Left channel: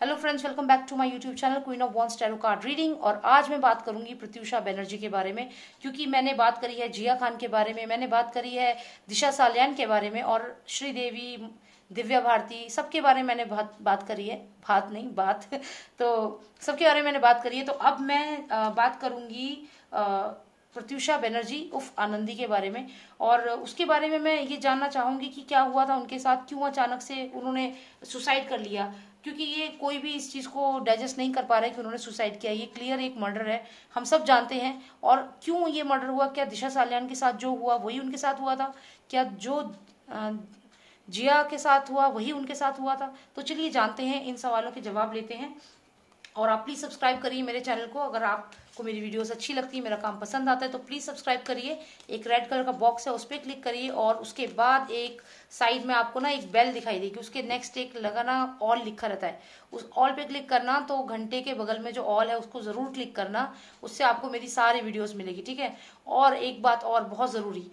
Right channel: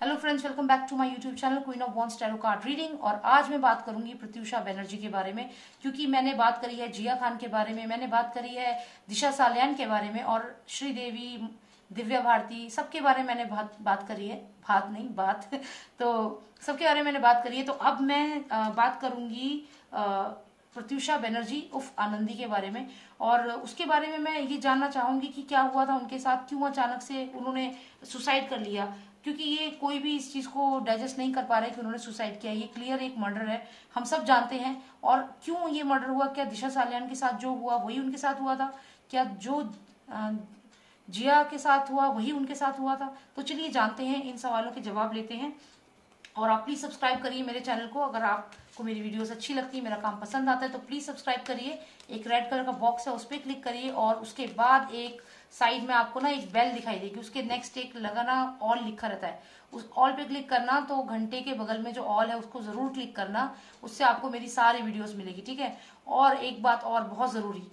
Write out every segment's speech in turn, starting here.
Hello friends, welcome back to my YouTube channel queen of wands tarot card reading. और आज मैं बात करूंगी प्रत्युषा बनर्जी के बारे में, क्योंकि मैंने बात करी है जिया खान के बारे में, मैंने बात करी है दिशा सालियान के बारे में और श्रीदेवी, दिव्या भारती, सबके बारे में मैंने बात करी है। बात नहीं बात तो सबके बारे में मैंने बात करी है। तो अब मैं बात करूंगी प्रत्युषा बनर्जी उफ आनंदी के बारे में। और उसके बारे में मैं ये जानना चाहूंगी कि क्या हुआ था उनके साथ, क्यों अचानक से उन्होंने सुसाइड कर लिया। क्योंकि ये कोई भी इस चीज को डाइजेस्ट नहीं कर पा रहा है कि उन्होंने सुसाइड किया। ये क्लियर एक मर्डर है, हम सब जानते हैं। और क्यों ये मर्डर हुआ, क्या दिशा सालियान के साथ जो हुआ वही उनके साथ हुआ था, क्या जो जिया के साथ हुआ वही उनके साथ हुआ था। तो चलिए जानते हैं, इन सवालों के जवाब लेते हैं। और आप प्लीज सब्सक्राइब करिए मेरे चैनल को। अगर आपको मेरी वीडियोस अच्छी लगती है, मेरा काम पसंद आता है, तो प्लीज सब्सक्राइब करिए। एक रेड कलर का बॉक्स है, उस पर क्लिक करिए और उसके बाद एक साइड में आपको ना एक बेल दिखाई देगी, उसके नेक्स्ट एक लगा ना ऑल लिखा रहता है, उस ऑल पे क्लिक करना। तो घंटे के बगल में जो ऑल है उसको जरूर क्लिक करना, उससे आपको मेरी सारी वीडियोस मिलेगी, ठीक है। और एक बात और बहुत जरूरी,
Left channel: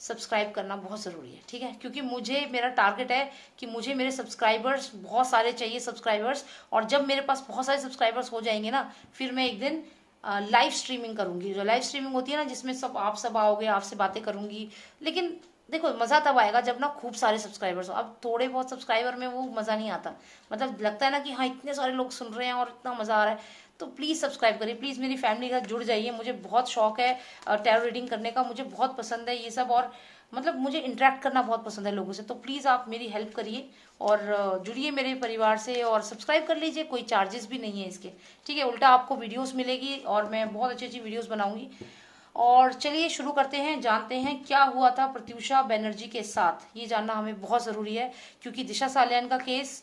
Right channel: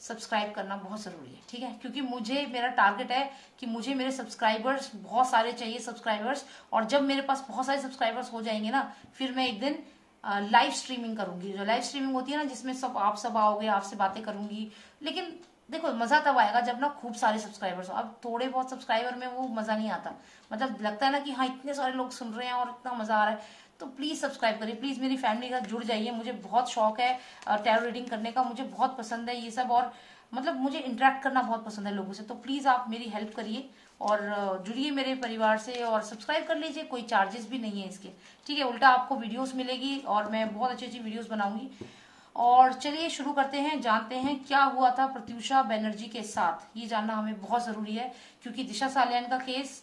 सब्सक्राइब करना बहुत जरूरी है, ठीक है। क्योंकि मुझे, मेरा टारगेट है कि मुझे मेरे सब्सक्राइबर्स बहुत सारे चाहिए, सब्सक्राइबर्स। और जब मेरे पास बहुत सारे सब्सक्राइबर्स हो जाएंगे ना, फिर मैं एक दिन लाइव स्ट्रीमिंग करूंगी। जो लाइव स्ट्रीमिंग होती है ना, जिसमें सब आओगे, आपसे बातें करूंगी। लेकिन देखो, मजा तब आएगा जब ना खूब सारे सब्सक्राइबर्स हो। अब थोड़े बहुत सब्सक्राइबर में वो मजा नहीं आता। मतलब लगता है ना कि हाँ, इतने सारे लोग सुन रहे हैं और इतना मजा आ रहा है। तो प्लीज सब्सक्राइब करिए, प्लीज मेरी फैमिली के साथ जुड़ जाइए। मुझे बहुत शौक है टैरो रीडिंग करने का, मुझे बहुत पसंद है ये सब। और मतलब मुझे इंटरेक्ट करना बहुत पसंद है लोगों से। तो प्लीज आप मेरी हेल्प करिए और जुड़िए मेरे परिवार से और सब्सक्राइब कर लीजिए। कोई चार्जेस भी नहीं है इसके, ठीक है। उल्टा आपको वीडियोस मिलेगी और मैं बहुत अच्छी अच्छी वीडियोस बनाऊंगी। और चलिए शुरू करते हैं, जानते हैं क्या हुआ था प्रत्युषा बनर्जी के साथ। ये जानना हमें बहुत जरूरी है, क्योंकि दिशा सालियान का केस,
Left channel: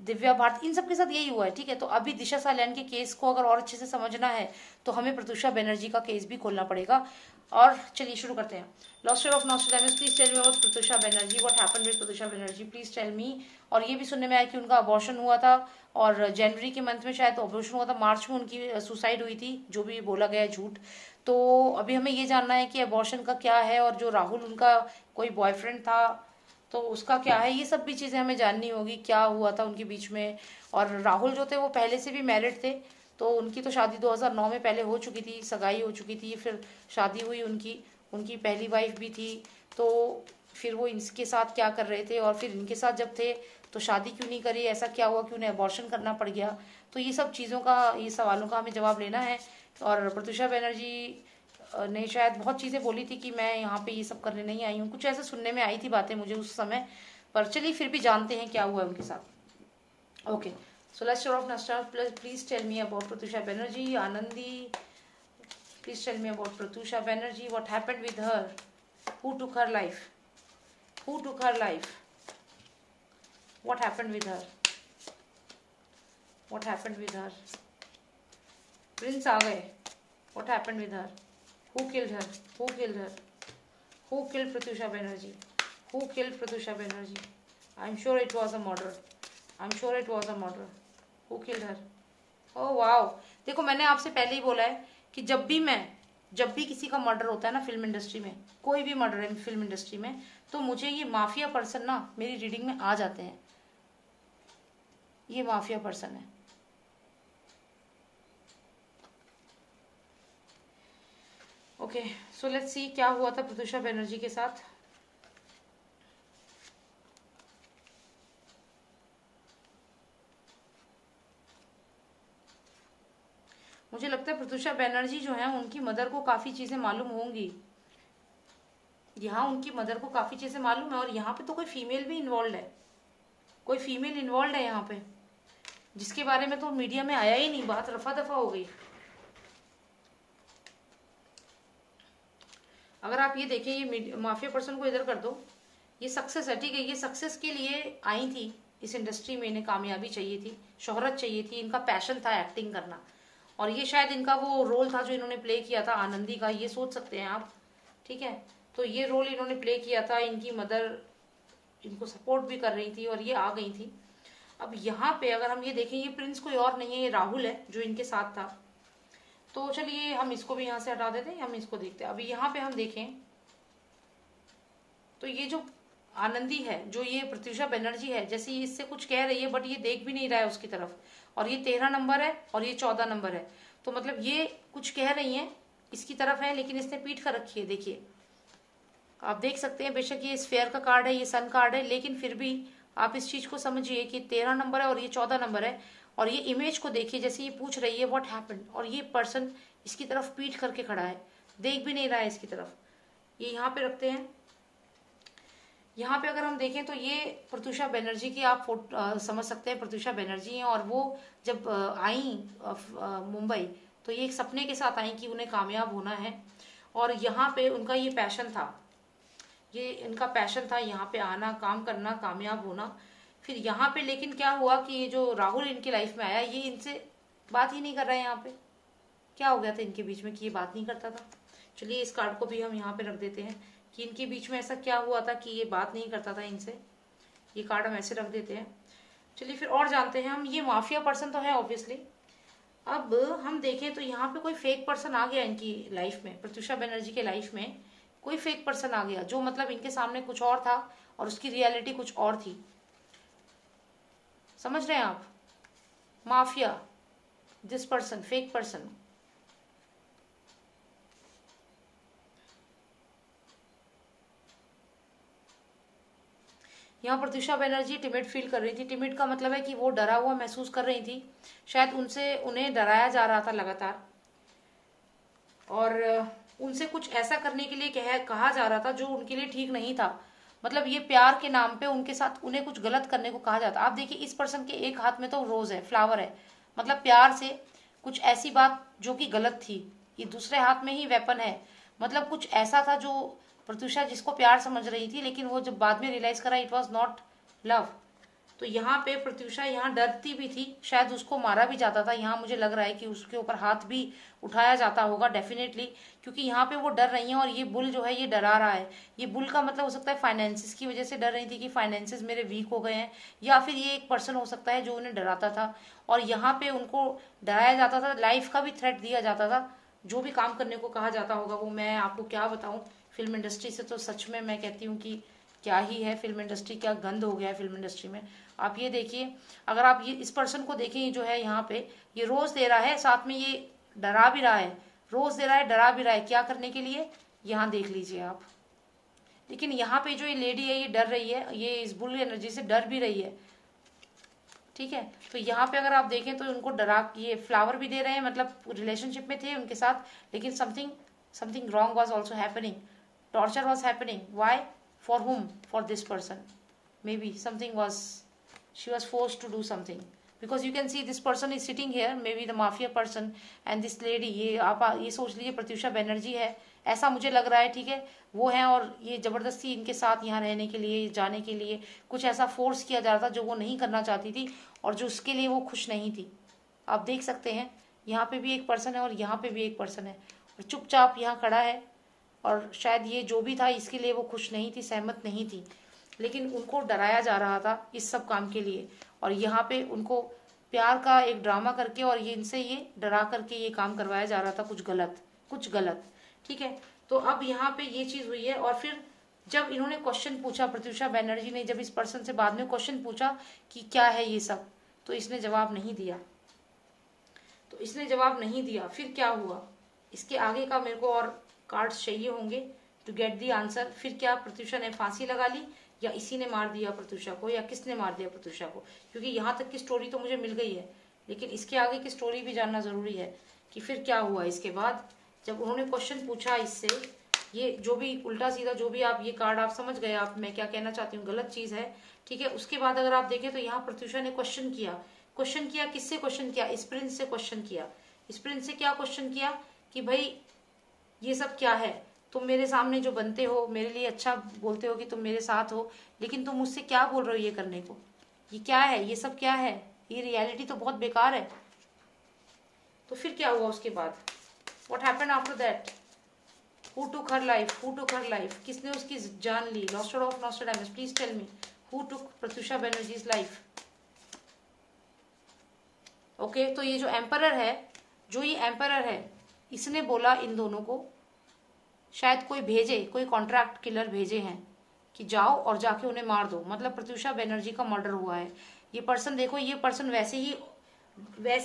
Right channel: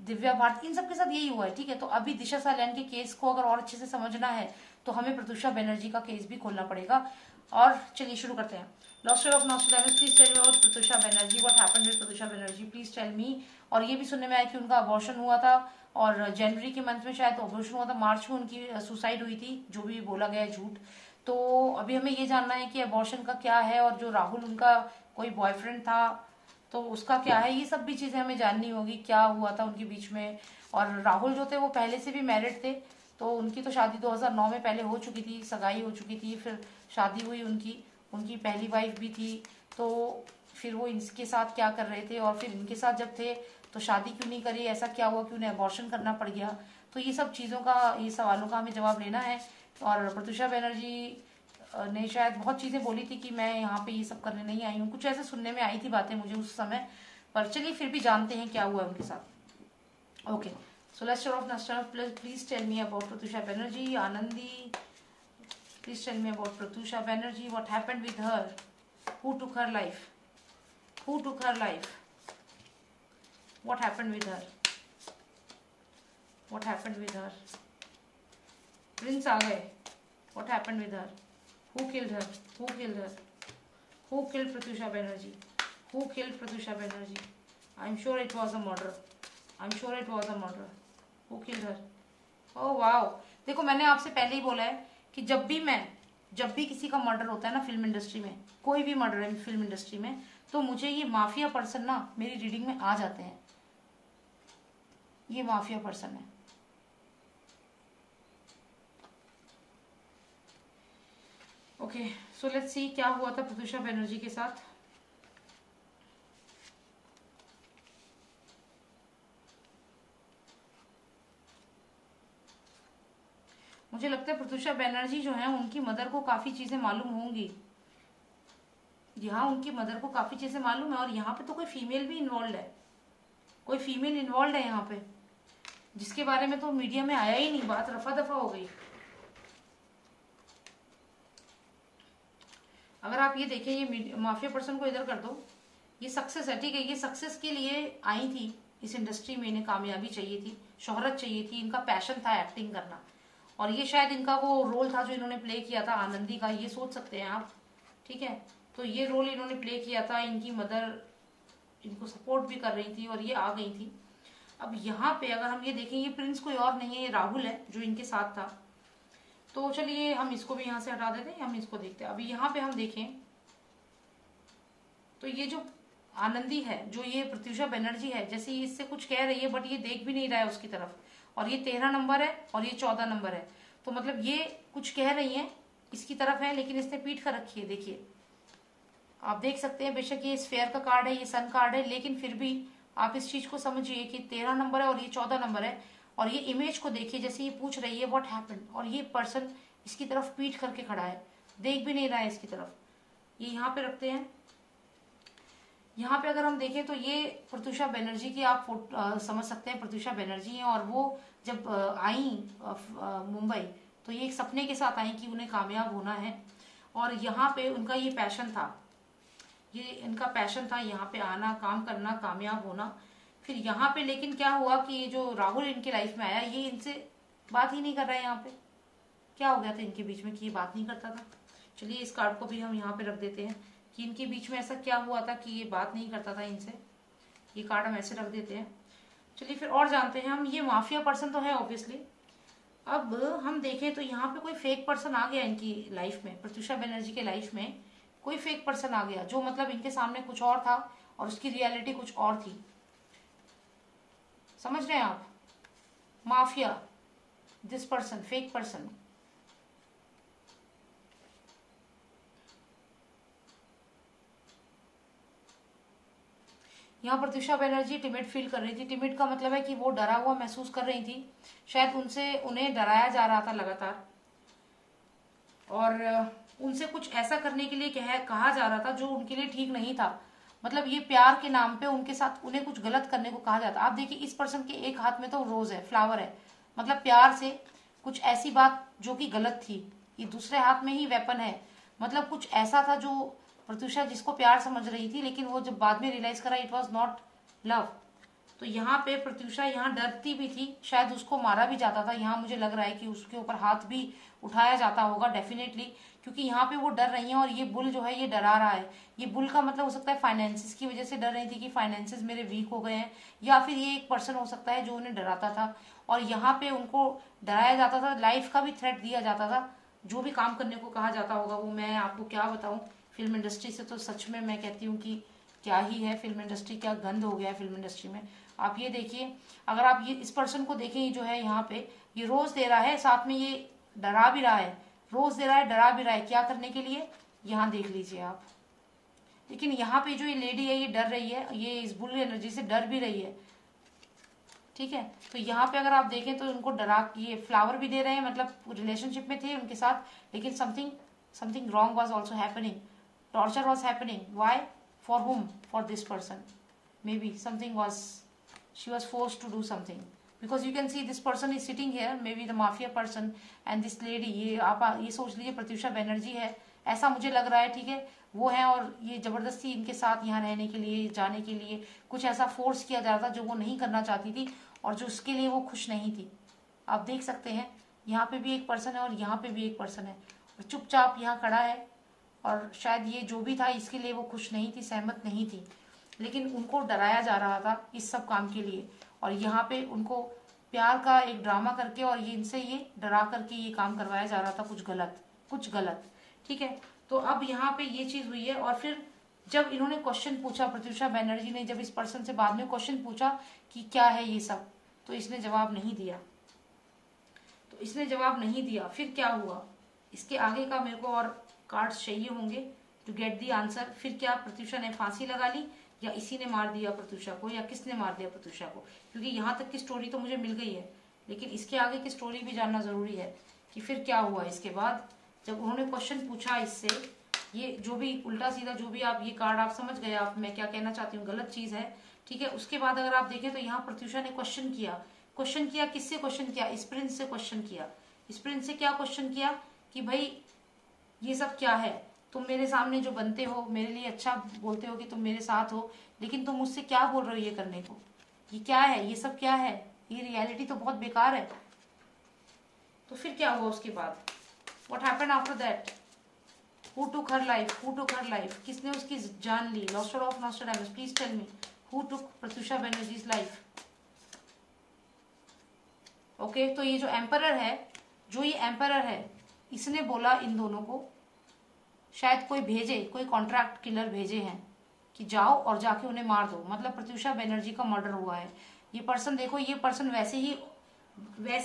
दिव्या भारती, इन सब के साथ यही हुआ है, ठीक है। तो अभी दिशा सालियान के केस को अगर और अच्छे से समझना है तो हमें प्रत्युषा बनर्जी का केस भी खोलना पड़ेगा। और चलिए शुरू करते हैं। Lost of Nostradamus, please tell me about Pratyusha Banerjee, what happened with Pratyusha Banerjee, please tell me. और ये भी सुनने में आया कि उनका अबॉर्शन हुआ था और जनवरी के मंथ में शायद अबॉर्शन हुआ था, मार्च में उनकी सुसाइड हुई थी, जो भी बोला गया झूठ। तो अभी हमें ये जानना है कि अबॉर्शन का क्या है, और जो राहुल उनका कोई बॉयफ्रेंड था तो उसका क्या है। ये सब भी चीजें हमें जाननी होगी, क्या हुआ था उनके बीच में। और राहुल जो थे वो पहले से भी मैरिड थे, तो उनकी तो शादी 2009 में पहले हो चुकी थी, सगाई हो चुकी थी, फिर शादी हुई उनकी। उनकी पहली वाइफ भी थी। तो फिर वो इनके साथ क्या कर रहे थे, और फिर इनके साथ जब थे तो शादी क्यों नहीं करी, ऐसा क्या हुआ कि उन्हें अबॉर्शन करना पड़ गया। तो ये सब चीजों का, ये सवालों का हमें जवाब लेना है। और प्रत्युषा बनर्जी ने शायद बहुत चीजें बोली थी कि मैं यहाँ पे ये सब करने नहीं आई हूँ, कुछ ऐसे सुनने में आई थी बातें मुझे उस समय। पर चलिए फिर भी जानते हैं क्या हुआ उनके साथ। Okay, so let's start off now. Please tell me about Pratyusha Banerjee Anandi, please tell me about Pratyusha Banerjee, what happened with her, who took her life, who took her life, what happened with her, what happened with her, prince आ गए, what happened with her, who killed her, who killed her, who killed Pratyusha Banerjee, who killed Pratyusha Banerjee, I'm sure it was a murder, I'm sure it was a murder, who killed her। oh wow, देखो मैंने आपसे पहले ही बोला है कि जब भी किसी का मर्डर होता है ना फिल्म इंडस्ट्री में, कोई भी मर्डर है फिल्म इंडस्ट्री में, तो मुझे ये माफिया पर्सन ना मेरी रीडिंग में आ जाते हैं। ये माफिया पर्सन है। ओके, सो लेट्स सी क्या हुआ था प्रत्युषा बनर्जी के साथ। मुझे लगता है प्रत्युषा बनर्जी जो है उनकी मदर को काफी चीजें मालूम होंगी। यहाँ उनकी मदर को काफी चीजें मालूम है, और यहाँ पे तो कोई फीमेल भी इन्वॉल्व है, कोई फीमेल इन्वॉल्व है यहाँ पे, जिसके बारे में तो मीडिया में आया ही नहीं, बात रफा दफा हो गई। अगर आप ये देखें, ये माफिया पर्सन को इधर कर दो, ये सक्सेस है, ठीक है। ये सक्सेस के लिए आई थी इस इंडस्ट्री में, इन्हें कामयाबी चाहिए थी, शोहरत चाहिए थी, इनका पैशन था एक्टिंग करना। और ये शायद इनका वो रोल था जो इन्होंने प्ले किया था आनंदी का, ये सोच सकते हैं आप, ठीक है। तो ये रोल इन्होंने प्ले किया था, इनकी मदर इनको सपोर्ट भी कर रही थी और ये आ गई थी। अब यहाँ पे अगर हम ये देखें, ये प्रिंस कोई और नहीं है, ये राहुल है जो इनके साथ था। तो चलिए हम इसको भी यहाँ से हटा देते हैं, हम इसको देखते हैं। अभी यहाँ पे हम देखें तो ये जो आनंदी है, जो ये प्रत्युषा बनर्जी है, जैसे ये इससे कुछ कह रही है बट ये देख भी नहीं रहा है उसकी तरफ, और ये 13 नंबर है और ये 14 नंबर है, तो मतलब ये कुछ कह रही है इसकी तरफ है, लेकिन इसने पीठ कर रखी है। देखिए आप देख सकते हैं, बेशक ये स्फेयर का कार्ड है, ये सन कार्ड है, लेकिन फिर भी आप इस चीज को समझिए कि 13 नंबर है और ये 14 नंबर है, और ये इमेज को देखिए, जैसे ये पूछ रही है व्हाट हैपेंड, और ये पर्सन इसकी तरफ पीठ करके खड़ा है, देख भी नहीं रहा है इसकी तरफ। ये यहाँ पे रखते हैं। यहाँ पे अगर हम देखें तो ये प्रत्युषा बनर्जी की आप समझ सकते हैं, प्रत्युषा बनर्जी हैं, और वो जब आई मुंबई तो ये एक सपने के साथ आई कि उन्हें कामयाब होना है, और यहाँ पे उनका ये पैशन था, ये इनका पैशन था यहाँ पे आना, काम करना, कामयाब होना। फिर यहाँ पे लेकिन क्या हुआ कि ये जो राहुल इनकी लाइफ में आया, ये इनसे बात ही नहीं कर रहा है। यहाँ पे क्या हो गया था इनके बीच में कि ये बात नहीं करता था। चलिए इस कार्ड को भी हम यहाँ पे रख देते हैं कि इनके बीच में ऐसा क्या हुआ था कि ये बात नहीं करता था इनसे। ये कार्ड हम ऐसे रख देते हैं। चलिए फिर और जानते हैं हम। ये माफिया पर्सन तो है ऑब्वियसली। अब हम देखें तो यहाँ पे कोई फेक पर्सन आ गया इनकी लाइफ में, प्रत्युषा बनर्जी के लाइफ में कोई फेक पर्सन आ गया, जो मतलब इनके सामने कुछ और था और उसकी रियलिटी कुछ और थी। समझ रहे हैं आप? Mafia, this person, fake person. यहाँ प्रत्युषा बनर्जी टिमिड फील कर रही थी। टिमिड का मतलब है कि वो डरा हुआ महसूस कर रही थी, शायद उन्हें डराया जा रहा था लगातार, और उनसे कुछ ऐसा करने के लिए कहा जा रहा था जो उनके लिए ठीक नहीं था। मतलब ये प्यार के नाम पे उनके साथ उन्हें कुछ गलत करने को कहा जाता। आप देखिए इस पर्सन के एक हाथ में तो रोज है, फ्लावर है, मतलब प्यार से कुछ ऐसी बात जो कि गलत थी। ये दूसरे हाथ में ही वेपन है, मतलब कुछ ऐसा था जो प्रत्युषा जिसको प्यार समझ रही थी, लेकिन वो जब बाद में रियलाइज करा इट वॉज नॉट लव। तो यहाँ पे प्रत्युषा यहाँ डरती भी थी, शायद उसको मारा भी जाता था। यहाँ मुझे लग रहा है कि उसके ऊपर हाथ भी उठाया जाता होगा डेफिनेटली, क्योंकि यहाँ पे वो डर रही है और ये बुल जो है ये डरा रहा है। ये बुल का मतलब हो सकता है फाइनेंसिस की वजह से डर रही थी कि फाइनेंसिस मेरे वीक हो गए हैं, या फिर ये एक पर्सन हो सकता है जो उन्हें डराता था और यहाँ पे उनको डराया जाता था, लाइफ का भी थ्रेट दिया जाता था। जो भी काम करने को कहा जाता होगा वो मैं आपको क्या बताऊं। फिल्म इंडस्ट्री से तो सच में मैं कहती हूँ कि क्या ही है फिल्म इंडस्ट्री, क्या गंद हो गया है फिल्म इंडस्ट्री में। आप ये देखिए, अगर आप ये इस पर्सन को देखें जो है यहाँ पे, ये रोज दे रहा है, साथ में ये डरा भी रहा है, रोज दे रहा है, डरा भी रहा है, क्या करने के लिए, यहाँ देख लीजिए आप। लेकिन यहाँ पे जो ये लेडी है ये डर रही है, ये इस बुल एनर्जी से डर भी रही है, ठीक है। तो यहाँ पे अगर आप देखें तो उनको डरा, ये फ्लावर भी दे रहे हैं, मतलब रिलेशनशिप में थे उनके साथ, लेकिन something wrong was also happening, torture was happening. Why? For whom? For this person. maybe something was, she was forced to do something, because you can see this person is sitting here, maybe the mafia person, and this lady, ये आप ये सोच लीजिए प्रत्युषा बनर्जी है, ऐसा मुझे लग रहा है, ठीक है वो है, और ये जबरदस्ती इनके साथ यहाँ रहने के लिए, जाने के लिए कुछ ऐसा फोर्स किया जा रहा था जो वो नहीं करना चाहती थी और जो उसके लिए वो खुश नहीं थी। आप देख सकते हैं यहाँ पे भी एक पर्सन है और यहाँ पे भी एक पर्सन है, और चुपचाप यहाँ खड़ा है, और शायद ये जो भी था इसके लिए वो खुश नहीं थी, सहमत नहीं थी, लेकिन उनको डराया जा रहा था इस सब काम के लिए, और यहाँ पे उनको प्यार का एक ड्रामा करके और ये इनसे ये डरा करके ये काम करवाया जा रहा था, कुछ गलत, ठीक है। तो अब यहाँ पे ये चीज हुई है, और फिर जब इन्होंने क्वेश्चन पूछा, प्रत्युषा बनर्जी ने जब इस पर्सन से बाद में क्वेश्चन पूछा कि क्या है ये सब, तो इसने जवाब नहीं दिया। फिर क्या हुआ, इसके आगे का मेरे को और कार्ड्स चाहिए होंगे टू गेट दी आंसर। फिर क्या प्रत्युषा ने फांसी लगा ली, या इसी ने मार दिया प्रत्युषा को, या किसने मार दिया प्रत्युषा को? क्योंकि यहाँ तक की स्टोरी तो मुझे मिल गई है, लेकिन इसके आगे की स्टोरी भी जानना जरूरी है कि फिर क्या हुआ इसके बाद। जब उन्होंने क्वेश्चन पूछा इससे, ये जो भी उल्टा सीधा जो भी आप ये कार्ड आप समझ गए आप मैं क्या कहना चाहती हूँ, गलत चीज है, ठीक है। उसके बाद अगर आप देखें तो यहाँ प्रत्युषा ने क्वेश्चन किया, किससे क्वेश्चन किया? इस प्रिंस से क्वेश्चन किया। इस प्रिंस से क्या क्वेश्चन किया कि भाई ये सब क्या है, तुम मेरे सामने जो बनते हो, मेरे लिए अच्छा बोलते हो कि तुम मेरे साथ हो, लेकिन तुम मुझसे क्या बोल रहे हो ये करने को? ये क्या है, ये सब क्या है? ये रियलिटी तो बहुत बेकार है। तो फिर क्या हुआ उसके बाद? What happened after that? Who took her life? किसने उसकी जान ली? Nostradamus, please tell me, who took Pratyusha Banerjee's life? Okay, तो ये जो एम्परर है, इसने बोला इन दोनों को, शायद कोई कॉन्ट्रैक्ट किलर भेजे हैं, कि जाओ और जाके उन्हें मार दो, मतलब प्रत्युषा बनर्जी का मर्डर हुआ है। ये पर्सन देखो, ये पर्सन वैसे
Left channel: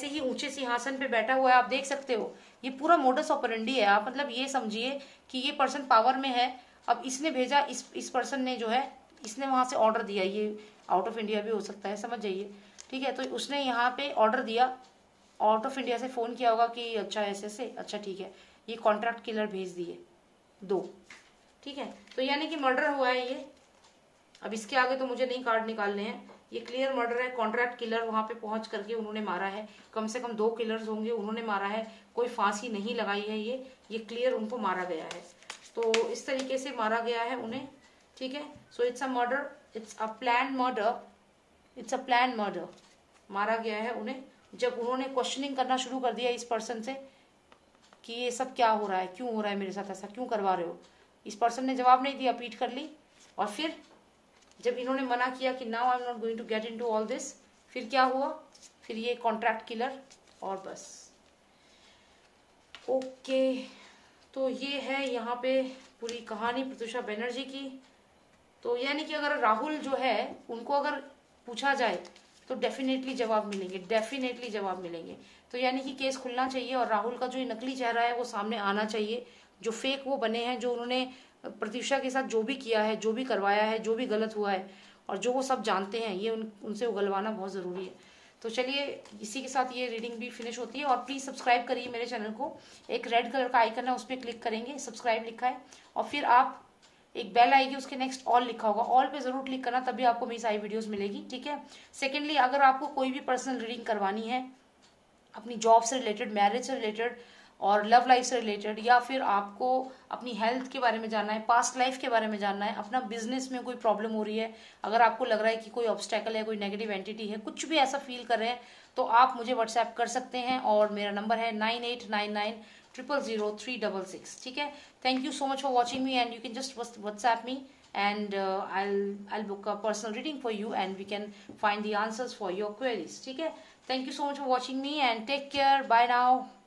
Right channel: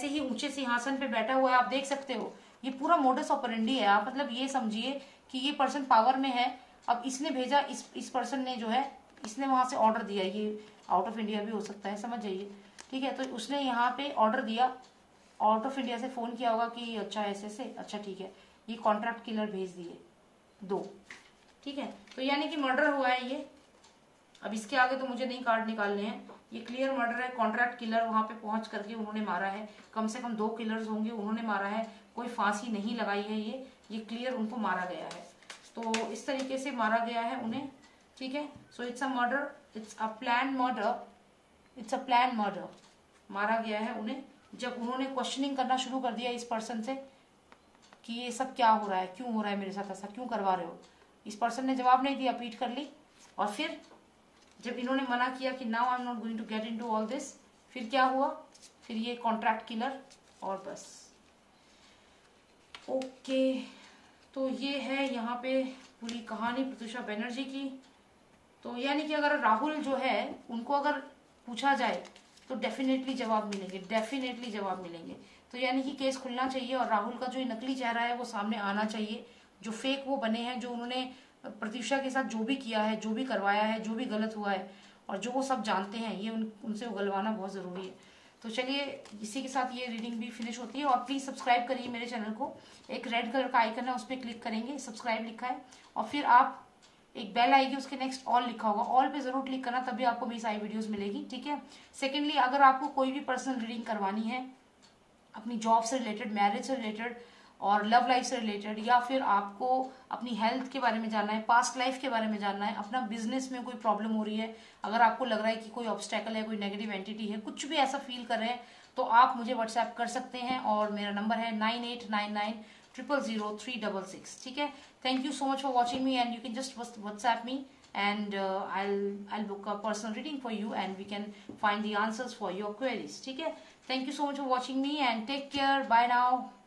ही ऊंचे सिंहासन पे बैठा हुआ है, आप देख सकते हो। ये पूरा मोडस ऑपरेंडी है। आप मतलब ये समझिए कि ये पर्सन पावर में है। अब इसने भेजा, इस पर्सन ने जो है, इसने वहां से ऑर्डर दिया, ये आउट ऑफ इंडिया भी हो सकता है, समझ जाइए, ठीक है। तो उसने यहाँ पे ऑर्डर दिया, आउट ऑफ इंडिया से फोन किया होगा कि अच्छा ऐसे, अच्छा ठीक है, ये कॉन्ट्रैक्ट किलर भेज दिए 2, ठीक है। तो यानी कि मर्डर हुआ है ये। अब इसके आगे तो मुझे नहीं कार्ड निकालने हैं, ये क्लियर मर्डर है। कॉन्ट्रैक्ट किलर वहां पे पहुंच करके उन्होंने मारा है, कम से कम 2 किलर्स होंगे, उन्होंने मारा है, कोई फांसी नहीं लगाई है। ये क्लियर उनको मारा गया है। तो इस तरीके से मारा गया है उन्हें, ठीक है। So it's a murder, it's a plan murder, it's a plan murder. मारा गया है उन्हें जब उन्होंने क्वेश्चनिंग करना शुरू कर दिया इस पर्सन से कि ये सब क्या हो रहा है, क्यों हो रहा है मेरे साथ, ऐसा क्यों करवा रहे हो। इस पर्सन ने जवाब नहीं दिया, पीट कर ली। और फिर जब इन्होंने मना किया कि now I am not going to get into all this, फिर क्या हुआ, फिर ये कॉन्ट्रैक्ट किलर, और बस। ओके, तो ये है यहाँ पे पूरी कहानी प्रत्युषा बनर्जी की। तो यानी कि अगर राहुल जो है उनको अगर पूछा जाए तो डेफिनेटली जवाब मिलेंगे, डेफिनेटली जवाब मिलेंगे। तो यानी कि केस खुलना चाहिए और राहुल का जो ये नकली चेहरा है वो सामने आना चाहिए, जो फेक वो बने हैं, जो उन्होंने प्रत्युषा के साथ जो भी किया है, जो भी करवाया है, जो भी गलत हुआ है और जो वो सब जानते हैं, ये उनसे उगलवाना बहुत जरूरी है। तो चलिए इसी के साथ ये रीडिंग भी फिनिश होती है। और प्लीज सब्सक्राइब करिए मेरे चैनल को, एक रेड कलर का आइकन है उस पर क्लिक करेंगे, सब्सक्राइब लिखा है, और फिर आप एक बेल आएगी, उसके नेक्स्ट ऑल लिखा होगा, ऑल पे जरूर क्लिक करना, तभी आपको मेरी सारी वीडियोस मिलेगी, ठीक है। सेकेंडली, अगर आपको कोई भी पर्सनल रीडिंग करवानी है अपनी जॉब से रिलेटेड, मैरिज से रिलेटेड और लव लाइफ से रिलेटेड, या फिर आपको अपनी हेल्थ के बारे में जानना है, पास्ट लाइफ के बारे में जानना है, अपना बिजनेस में कोई प्रॉब्लम हो रही है, अगर आपको लग रहा है कि कोई ऑब्स्टेकल है, कोई नेगेटिव एंटिटी है, कुछ भी ऐसा फील कर रहे हैं, तो आप मुझे व्हाट्सएप कर सकते हैं। और मेरा नंबर है 9899000366, ठीक है। Thank you so much for watching me, and you can just WhatsApp me, and I'll book a personal reading for you, and we can find the answers for your queries, ठीक है। Thank you so much for watching me, and take care. Bye now.